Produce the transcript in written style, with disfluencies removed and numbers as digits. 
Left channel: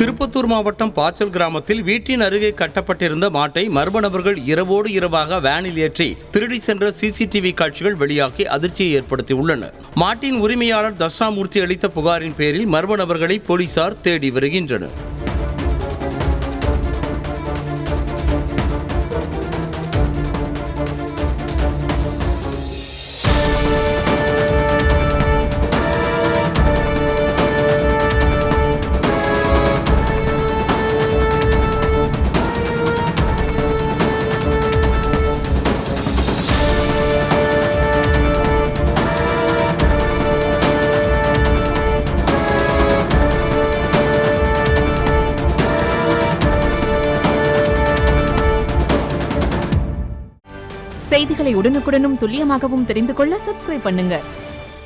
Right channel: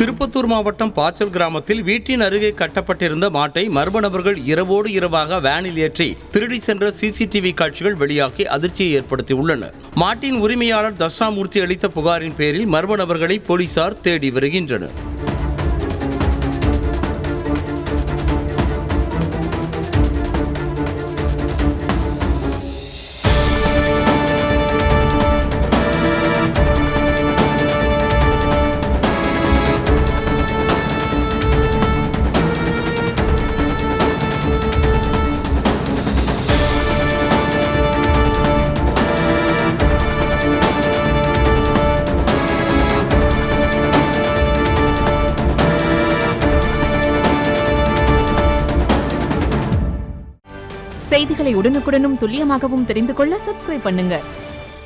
திருப்பத்தூர் மாவட்டம் பாச்சல் கிராமத்தில் வீட்டின் அருகே கட்டப்பட்டிருந்த மாட்டை மர்ம நபர்கள் இரவோடு இரவாக வேனில் ஏற்றி திருடி சென்ற சிசிடிவி காட்சிகள் வெளியாகி அதிர்ச்சியை ஏற்படுத்தியுள்ளன. மாட்டின் உரிமையாளர் தட்சிணாமூர்த்தி அளித்த புகாரின் பேரில் மர்ம நபர்களை போலீசார் தேடி வருகின்றனர். செய்திகளை உடனுக்குடனும் துல்லியமாகவும் தெரிந்து கொள்ள சப்ஸ்கிரைப் பண்ணுங்க.